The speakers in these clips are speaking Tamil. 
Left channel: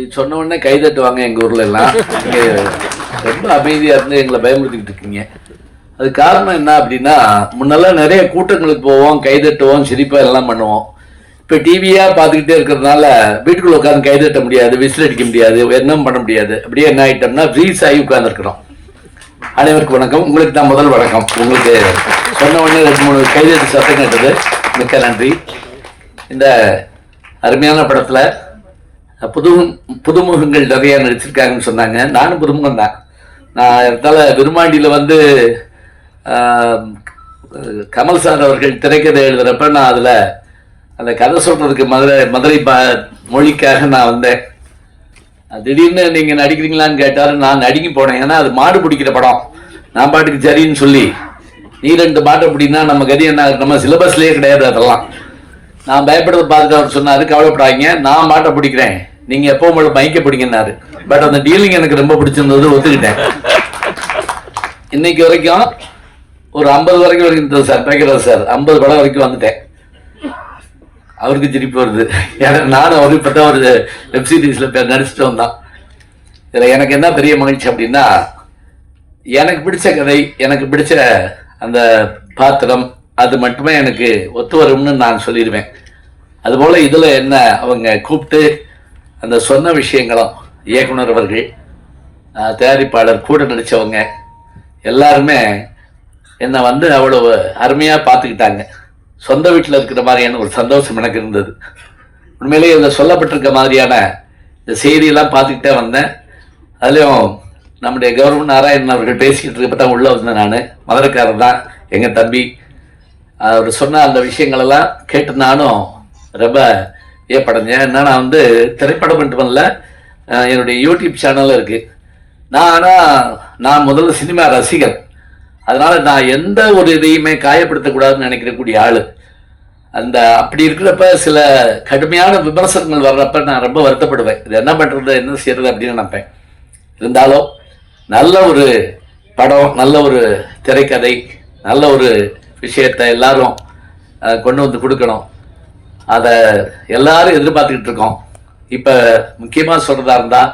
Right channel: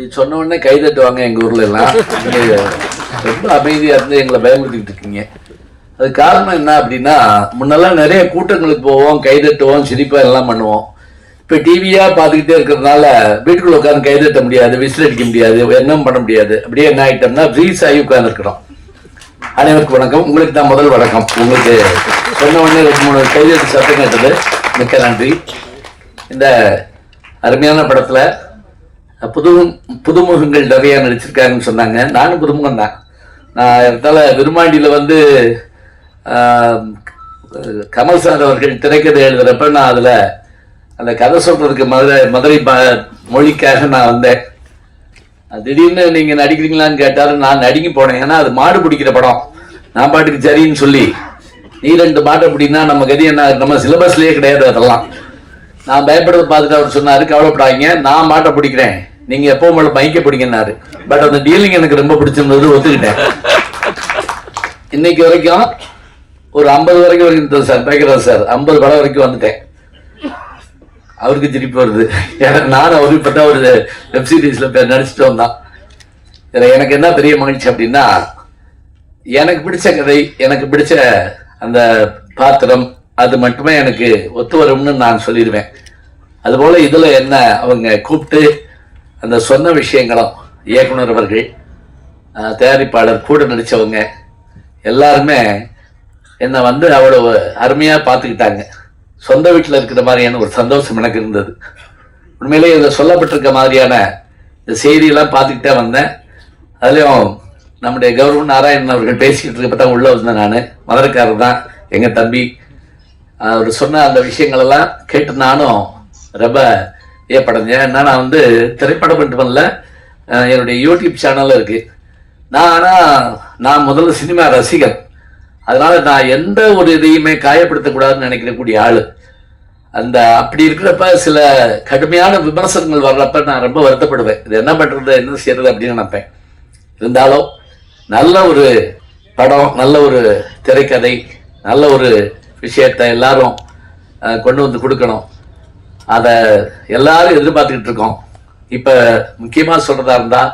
இப்படி சொன்ன உடனே கை தட்டுவாங்க எங்கள் ஊரில் எல்லாம். ரொம்ப அமைதியாக இருந்து எங்களை பயமுறுத்திக்கிட்டு இருக்கீங்க. அது காரணம் என்ன அப்படின்னா முன்னெல்லாம் நிறைய கூட்டங்களுக்கு போவோம் கை தட்டுவோம் சிரிப்பாக எல்லாம் பண்ணுவோம். இப்போ டிவியாக பார்த்துக்கிட்டே இருக்கிறதுனால வீட்டுக்குள்ள உட்காந்து கை தட்ட முடியாது விசில் அடிக்க முடியாது என்ன பண்ண முடியாது. அப்படியே என்ன ஆகிட்டோம்னா ஃப்ரீஸ் ஆகி உட்காந்துருக்குறோம் அனைவருக்கும் வணக்கம். உங்களுக்கு தான் முதல் வணக்கம். உங்களுக்கு சொன்ன உடனே ரெண்டு மூணு கைதட்டு சத்தம் கேட்டது. மிக்க நன்றி. இந்த அருமையான படத்தில் புது புதுமுகங்கள் நிறையா நடிச்சிருக்காங்கன்னு சொன்னாங்க. நானும் புதுமுகம் தான் நான் இருந்தால விருமாண்டியில் வந்து கமல் சார் அவர்கள் திரைக்கதை எழுதுறப்ப நான் அதில் அந்த கதை சொல்றதுக்கு மதுரை மதுரை மொழிக்காக நான் வந்தேன். திடீர்னு நீங்கள் நடிக்கிறீங்களான்னு கேட்டாலும் நான் நடிக்க போனேன். ஏன்னா அது மாடு பிடிக்கிற படம். நான் பாட்டுக்கு சரின்னு சொல்லி நீ ரெண்டு மாட்டை பிடினா நம்ம கதி என்ன நம்ம சிலபஸ்லேயே கிடையாது அதெல்லாம். நான் பயப்படுறத பார்த்துட்டு அவர் சொன்னாரு கவலைப்படாதீங்க நான் மாட்டை பிடிக்கிறேன். நீங்க எப்போ உங்களை பைக்கை பிடிங்கன்னாரு. பட் அந்த டீலிங் எனக்கு ரொம்ப பிடிச்சிருந்தது ஒத்துக்கிட்டேன். இன்னைக்கு வரைக்கும் ஒரு ஐம்பது வரைக்கும் வரைக்கும் சார் பேக்கிறேன் சார். ஐம்பது படம் வரைக்கும் வந்துட்டேன். அவருக்கு சிரிப்பு வருது. எனக்கு நானும் அவருக்கு பார்த்தா ஒரு வெப்சீரிஸில் நடிச்சுட்டு வந்தான் இதில் எனக்கு என்ன பெரிய மகிழ்ச்சி அப்படின்னா எனக்கு பிடிச்ச கதை எனக்கு பிடிச்ச அந்த பாத்திரம் அது மட்டுமே எனக்கு ஒத்து வரும்னு நான் சொல்லிடுவேன். அதுபோல் இதில் என்ன அவங்க கூப்பிட்டு அந்த சொன்ன விஷயங்களும் இயக்குனர் அவர்கள் தயாரிப்பாளர் கூட நடித்தவங்க எல்லாருமே என்னை வந்து அவ்வளவு அருமையாக பார்த்துக்கிட்டாங்க. சொந்த வீட்டில் இருக்கிற மாதிரியான ஒரு சந்தோஷம் எனக்கு இருந்தது. உண்மையிலேயே இதில் சொல்லப்பட்டிருக்க மாதிரியான இந்த செய்தியெல்லாம் பார்த்துக்கிட்டே வந்தேன். அதுலேயும் நம்முடைய கௌரவ நாராயணன் அவர்கள் பேசிக்கிட்டு இருக்கப்ப தான் உள்ளே வந்தேன் நான். மதுரைக்காரர் தான் எங்கள் தம்பி. அவர் சொன்ன அந்த விஷயங்களெல்லாம் கேட்டு நானும் ரொம்ப ஏற்படுங்க ஏன்னா நான் வந்து திரைப்படம் மட்டுமல்ல பண்ணல என்னுடைய யூடியூப் சேனலும் இருக்குது நான் ஆனால் நான் முதல்ல சினிமா ரசிகர். அதனால் நான் எந்த ஒரு இதையுமே காயப்படுத்தக்கூடாதுன்னு நினைக்கிறக்கூடிய ஆள். அந்த அப்படி இருக்கிறப்ப சில கடுமையான விமர்சனங்கள் வர்றப்ப நான் ரொம்ப வருத்தப்படுவேன். இது என்ன பண்ணுறது என்ன செய்யறது அப்படின்னு நினைப்பேன். இருந்தாலும் நல்ல ஒரு படம் நல்ல ஒரு திரைக்கதை நல்ல ஒரு விஷயத்தை எல்லாரும் கொண்டு வந்து கொடுக்கணும். அதை எல்லாரும் எதிர்பார்த்துக்கிட்டு இருக்கோம். இப்போ முக்கியமாக சொல்கிறதா இருந்தால்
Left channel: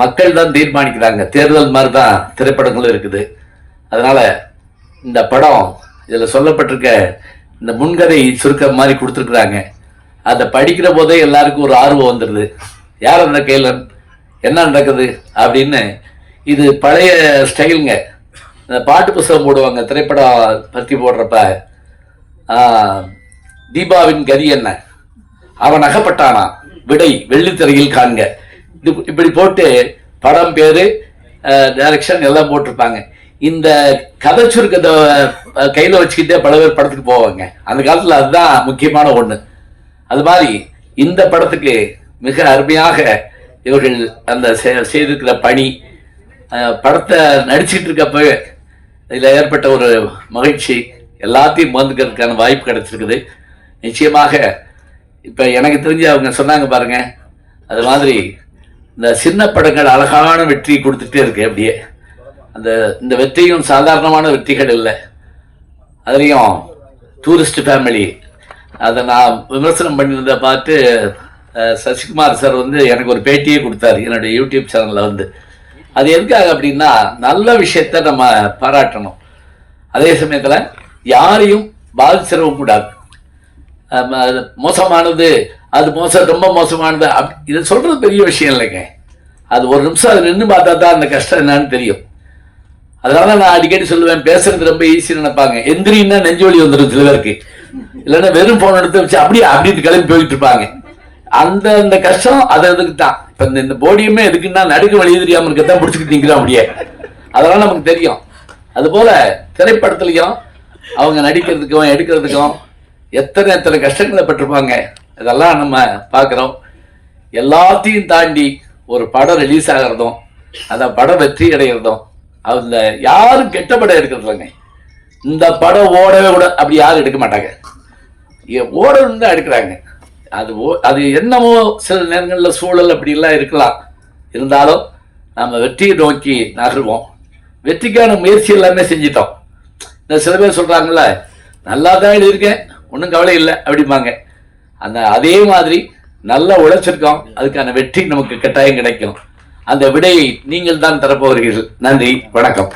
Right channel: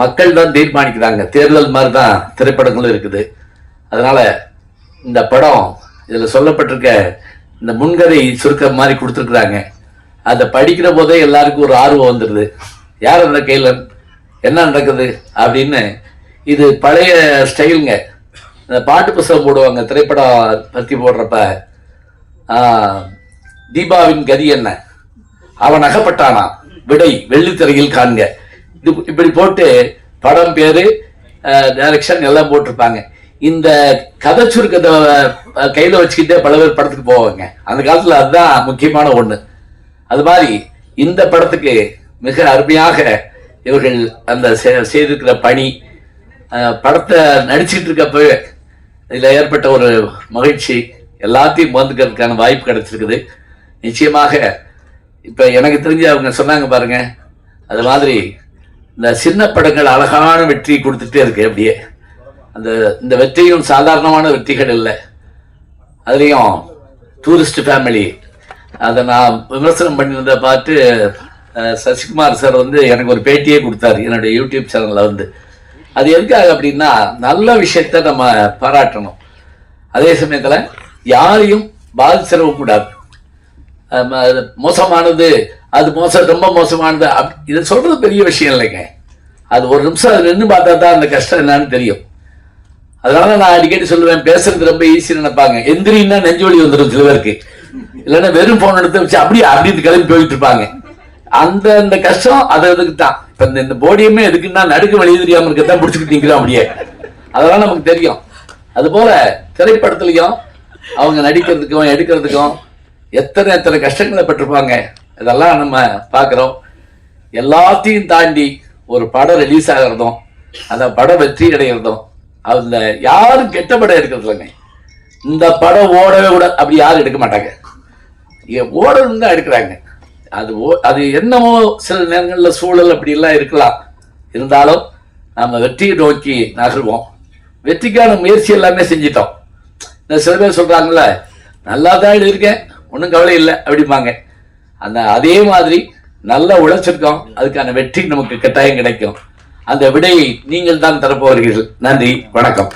மக்கள் தான் தீர்மானிக்கிறாங்க. தேர்தல் மாதிரி தான் திரைப்படங்களும் இருக்குது. அதனால் இந்த படம் இதில் சொல்லப்பட்டிருக்க இந்த முன்கதை சுருக்க மாதிரி கொடுத்துருக்குறாங்க. அதை படிக்கிற போதே எல்லாருக்கும் ஒரு ஆர்வம் வந்துடுது யார் அந்த கேலன் என்ன நடக்குது? அப்படின்னு இது பழைய ஸ்டைலுங்க. இந்த பாட்டு புஸ்தகம் போடுவாங்க திரைப்படம் பற்றி போடுறப்ப. தீபாவின் கதி என்ன? அவன் அகப்பட்டானா? விடை வெள்ளித்திரையில் காண்க. இது இப்படி போட்டு படம் பேரு டைரக்ஷன் எல்லாம் போட்டிருப்பாங்க. இந்த கதை சுருக்கத்தை கையில் வச்சுக்கிட்டே பல பேர் படத்துக்கு போவாங்க. அந்த காலத்தில் அதுதான் முக்கியமான ஒன்று அது மாதிரி இந்த படத்துக்கு மிக அருமையாக இவர்கள் அந்த செ- செய்திருக்கிற பணி படத்தை நடிச்சிட்டு இருக்கப்பவே இதில் ஏற்பட்ட ஒரு மகிழ்ச்சி எல்லாத்தையும் வந்துக்கிறதுக்கான வாய்ப்பு கிடைச்சிருக்குது. நிச்சயமாக இப்போ எனக்கு தெரிஞ்சு அவங்க சொன்னாங்க பாருங்க அது மாதிரி இந்த சின்ன படங்கள் அழகான வெற்றி கொடுத்துட்டே இருக்கு அப்படியே. அந்த இந்த வெற்றியும் சாதாரணமான வெற்றிகள் இல்லை. அதுலேயும் டூரிஸ்ட் ஃபேமிலி அதை நான் விமர்சனம் பண்ணியிருந்த பார்த்து சசிகுமார் சார் வந்து எனக்கு ஒரு பேட்டியே கொடுத்தாரு என்னுடைய யூடியூப் சேனலில் வந்து. அது எதுக்காக அப்படின்னா நல்ல விஷயத்த நம்ம பாராட்டணும். அதே சமயத்தில் யாரையும் பாதிச்சிடவும் கூடாது மோசமானது அது மோசம் ரொம்ப மோசமானது. அப் இதை சொல்றது பெரிய விஷயம் இல்லைங்க. அது ஒரு நிமிஷம் அது நின்று பார்த்தா தான் அந்த கஷ்டம் என்னன்னு தெரியும். அதனால நான் அடிக்கடி சொல்லுவேன் பேசுறது ரொம்ப ஈஸின்னு நினைப்பாங்க. எந்திரின்னா நெஞ்சு வலி வந்துடும் சில பேருக்கு. இல்லைன்னா வெறும் போன் எடுத்து வச்சு அப்படியே அப்படியே கிளம்பி போயிட்டு இருப்பாங்க. அந்த அந்த கஷ்டம் அது அதுக்கு தான். இப்போ இந்த- இந்த போடியமே எதுக்குன்னா நடுக்கு வழி தெரியாம இருக்கத்தான் பிடிச்சிக்கிட்டீங்களா அப்படியே. அதெல்லாம் நமக்கு தெரியும். அதுபோல திரைப்படத்துலையும் அவங்க நடிக்கிறதுக்கும் எடுக்கிறதுக்கும் எத்தனை எத்தனை கஷ்டங்களை பட்டிருப்பாங்க? இதெல்லாம் நம்ம பார்க்குறோம். எல்லாத்தையும் தாண்டி ஒரு படம் ரிலீஸ் ஆகிறதும் அந்த படம் வெற்றி அடைகிறதும் அதில் யாரும் கெட்ட படம் எடுக்கிறதில்லைங்க இந்த படம் ஓடவே விட அப்படி யாரும் எடுக்க மாட்டாங்க. ஓடணும் தான் எடுக்கிறாங்க. அது ஓ- அது என்னமோ சில நேரங்களில் சூழல் அப்படிலாம் இருக்கலாம். இருந்தாலும் நம்ம வெற்றியை நோக்கி நகர்வோம். வெற்றிக்கான முயற்சி எல்லாமே செஞ்சிட்டோம். இந்த சில பேர் சொல்றாங்கல்ல நல்லா தான் எழுதியிருக்கேன். ஒன்றும் கவலை இல்லை அப்படிம்பாங்க. அந்த அதே மாதிரி நல்லா உழைச்சிருக்கோம். அதுக்கான வெற்றி நமக்கு கட்டாயம் கிடைக்கும். அந்த விடையை நீங்கள் தான் தரப்போகிறீர்கள். நன்றி. வணக்கம்.